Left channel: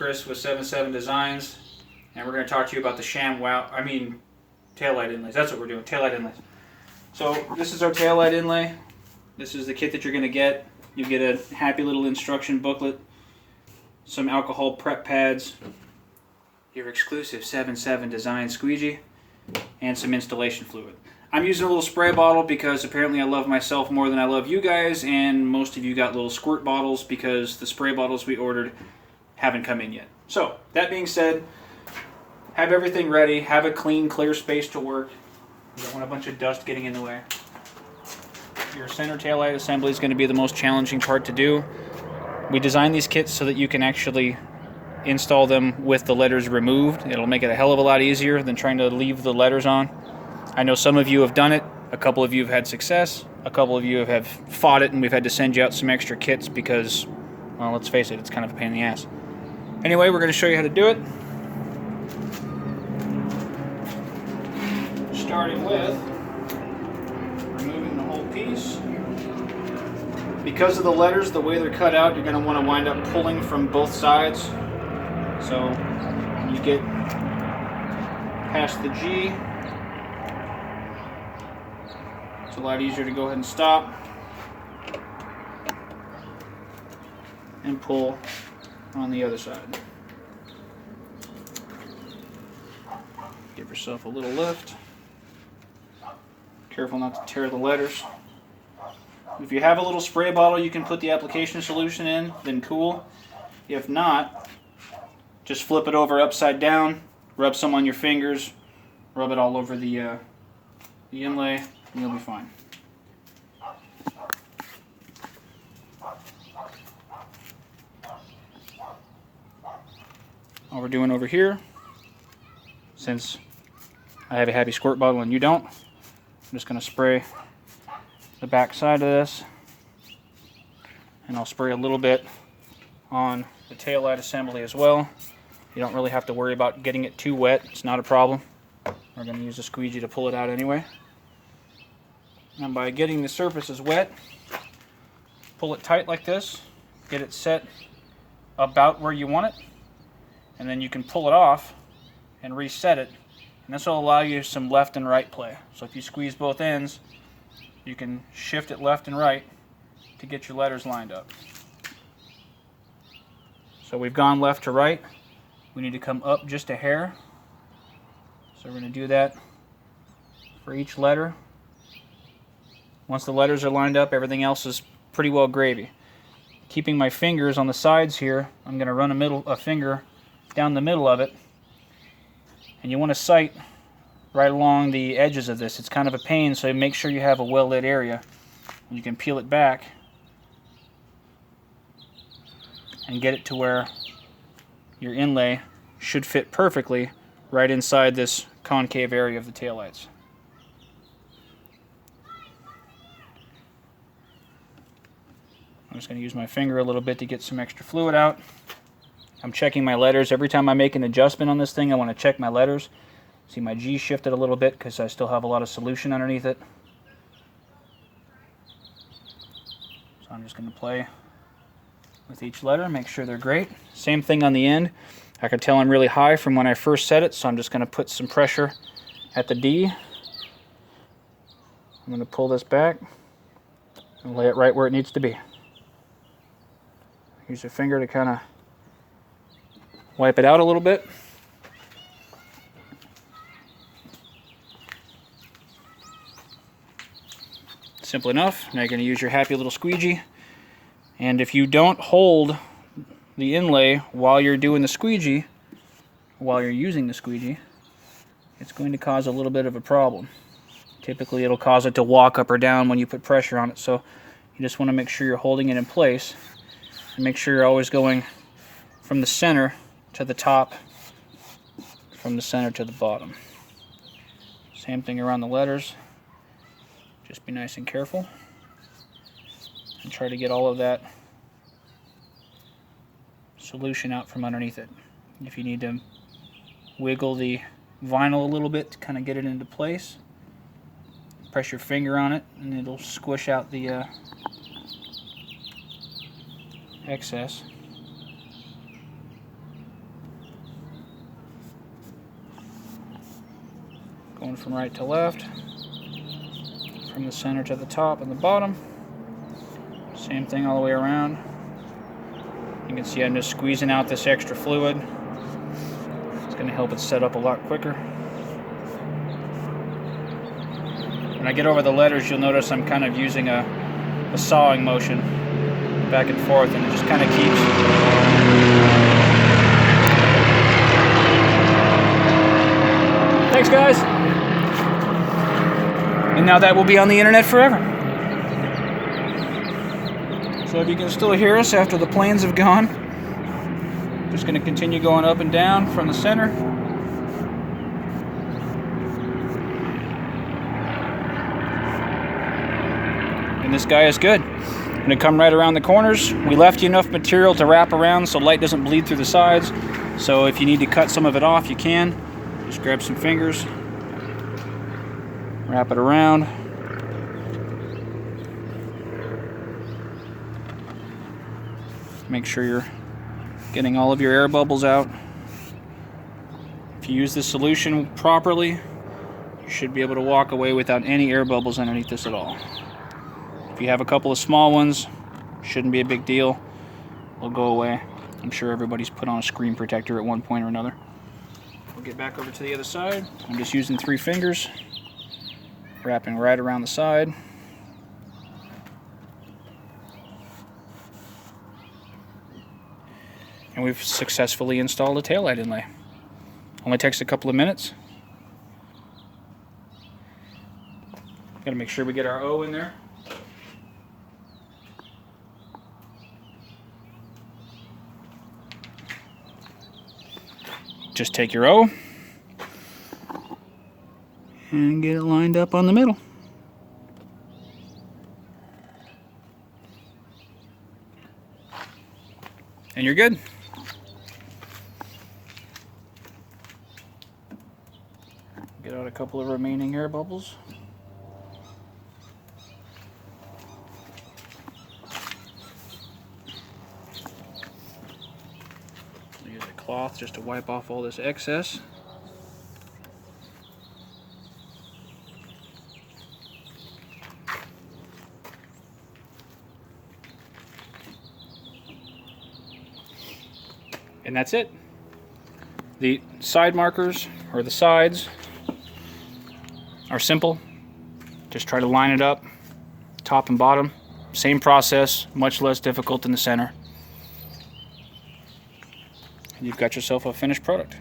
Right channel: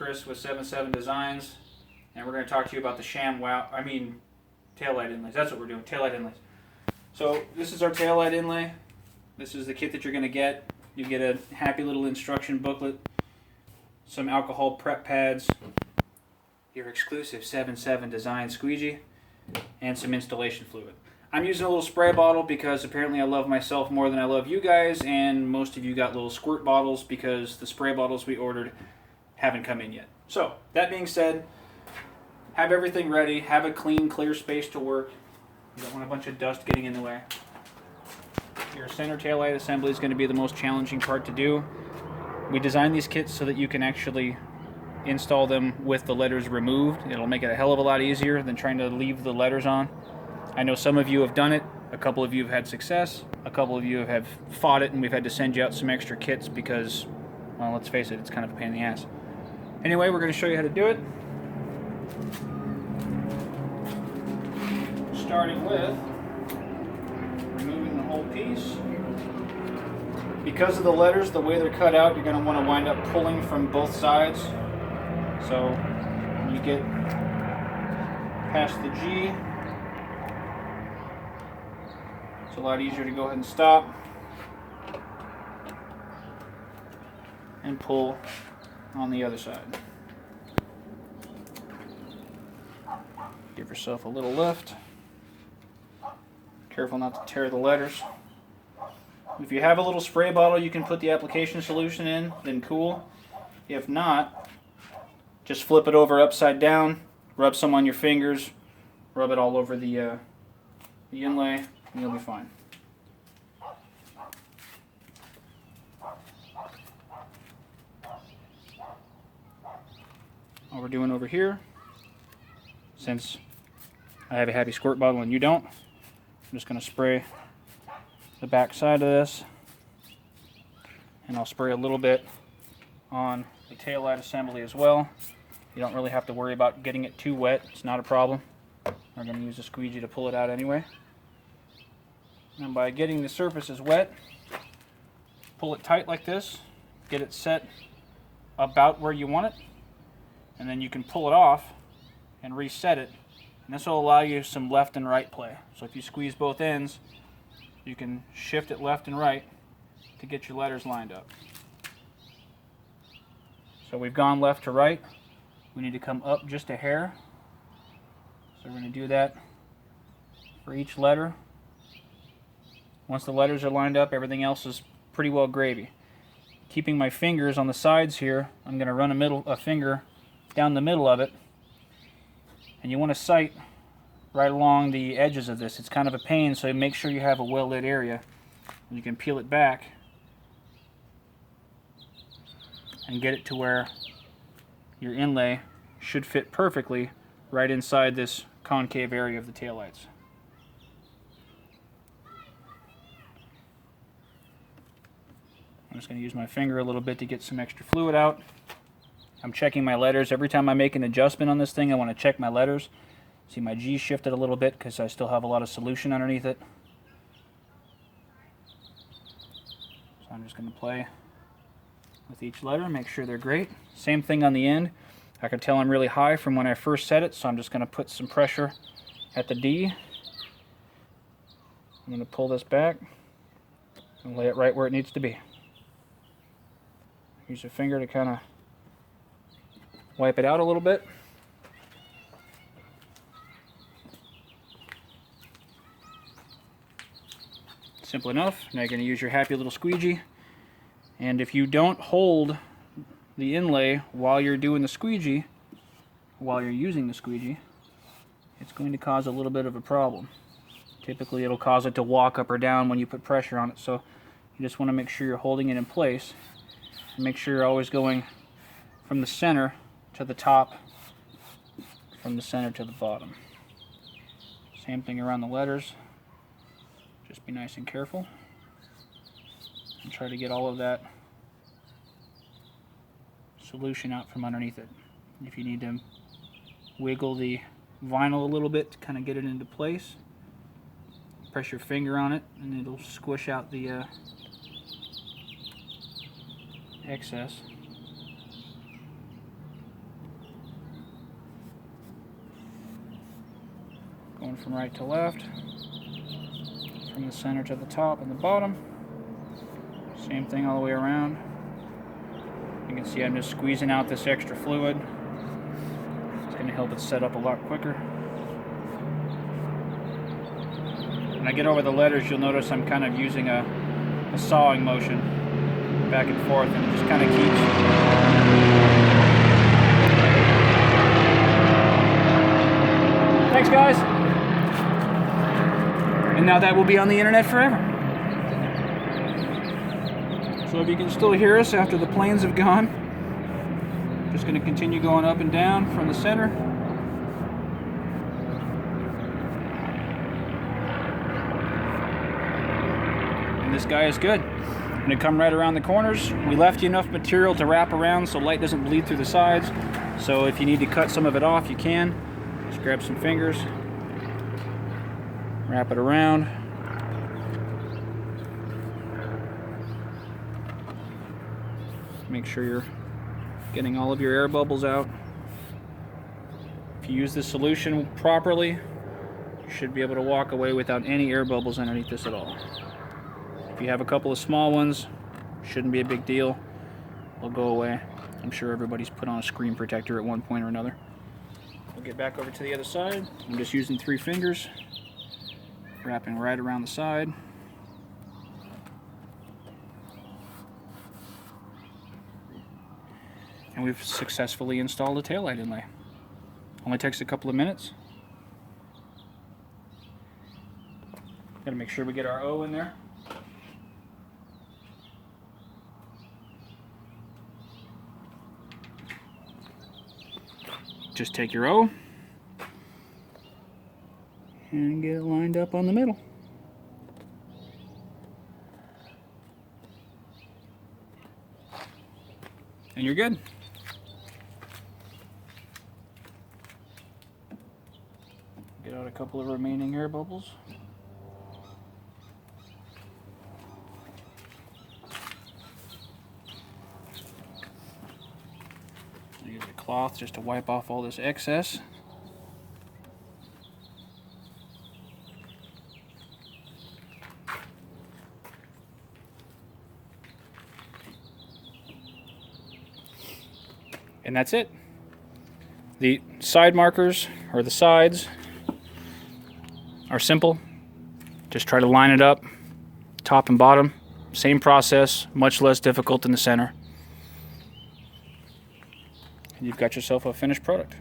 Chris with 7 Designs, and we're going to talk to you about the taillight inlays. That's what we're doing, taillight inlays. So this is our taillight inlay. This is the kit that you're going to get. You get a happy little instruction booklet, some alcohol prep pads, your exclusive 7 Designs squeegee, and some installation fluid. I'm using a little spray bottle because apparently I love myself more than I love you guys, and most of you got little squirt bottles because the spray bottles we ordered haven't come in yet. So, that being said, have everything ready, have a clean, clear space to work. You don't want a bunch of dust getting in the way. Your center taillight assembly is going to be the most challenging part to do. We designed these kits so that you can actually install them with the letters removed. It'll make it a hell of a lot easier than trying to leave the letters on. I know some of you have done it, a couple of you have had success, a couple of you have fought it, and we've had to send you out some extra kits because, well, let's face it, it's kind of a pain in the ass. Anyway, we're going to show you how to do it. Starting with removing the whole piece. Because of the letters, the way they're cut out, you're going to want to wind up pulling from both sides. So when you get past the G, it's a lot easier to go ahead and stop and pull on the other side. Give yourself a little lift. Careful not to tear the letters. If you have a little spray bottle you can put the application solution in, then cool. If not, just flip it over upside down, rub some on your fingers, rub it all over the inlay, and you'll be fine. What we're doing over here, since I have a happy squirt bottle and you don't, I'm just going to spray the back side of this, and I'll spray a little bit on the taillight assembly as well. You don't really have to worry about getting it too wet, it's not a problem. We're going to use a squeegee to pull it out anyway. And by getting the surfaces wet, pull it tight like this, get it set about where you want it, and then you can pull it off and reset it, and this will allow you some left and right play. So if you squeeze both ends, you can shift it left and right to get your letters lined up. So we've gone left to right. We need to come up just a hair. So we're going to do that for each letter. Once the letters are lined up, everything else is pretty well gravy. Keeping my fingers on the sides here, I'm going to run a finger down the middle of it, and you want to sight right along the edges of this. It's kind of a pain, so make sure you have a well lit area. You can peel it back and get it to where your inlay should fit perfectly right inside this concave area of the taillights. I'm just going to use my finger a little bit to get some extra fluid out. I'm checking my letters. Every time I make an adjustment on this thing, I want to check my letters. See, my G shifted a little bit because I still have a lot of solution underneath it. So I'm just going to play with each letter, make sure they're great. Same thing on the end. I can tell I'm really high from when I first set it, so I'm just going to put some pressure at the D. I'm going to pull this back and lay it right where it needs to be. Use your finger to kind of wipe it out a little bit. Simple enough. Now you're going to use your happy little squeegee. And if you don't hold the inlay while you're doing the squeegee, while you're using the squeegee, it's going to cause a little bit of a problem. Typically it'll cause it to walk up or down when you put pressure on it. So you just want to make sure you're holding it in place. And make sure you're always going from the center to the top, from the center to the bottom. Same thing around the letters. Just be nice and careful and try to get all of that solution out from underneath it. If you need to wiggle the vinyl a little bit to kind of get it into place, press your finger on it and it'll squish out the excess. Going from right to left, from the center to the top and the bottom. Same thing all the way around. You can see I'm just squeezing out this extra fluid. It's going to help it set up a lot quicker. When I get over the letters, you'll notice I'm kind of using a sawing motion back and forth, and it just kind of keeps Thanks, guys. And now that will be on the internet forever. So if you can still hear us after the planes have gone, just going to continue going up and down from the center. And this guy is good. Going to come right around the corners. We left you enough material to wrap around so light doesn't bleed through the sides. So if you need to cut some of it off, you can. Just grab some fingers, wrap it around. Make sure you're getting all of your air bubbles out. If you use the solution properly, you should be able to walk away without any air bubbles underneath this at all. If you have a couple of small ones, shouldn't be a big deal. They'll go away. I'm sure everybody's put on a screen protector at one point or another. We'll get back over to the other side. I'm just using 3 fingers, wrapping right around the side. And we've successfully installed a taillight inlay. Only takes a couple of minutes. Gotta make sure we get our O in there. Just take your O and get it lined up on the middle. And you're good. Get out a couple of remaining air bubbles. Use a cloth just to wipe off all this excess. And that's it. The side markers, or the sides, are simple. Just try to line it up, top and bottom. Same process, much less difficult in the center. And you've got yourself a finished product.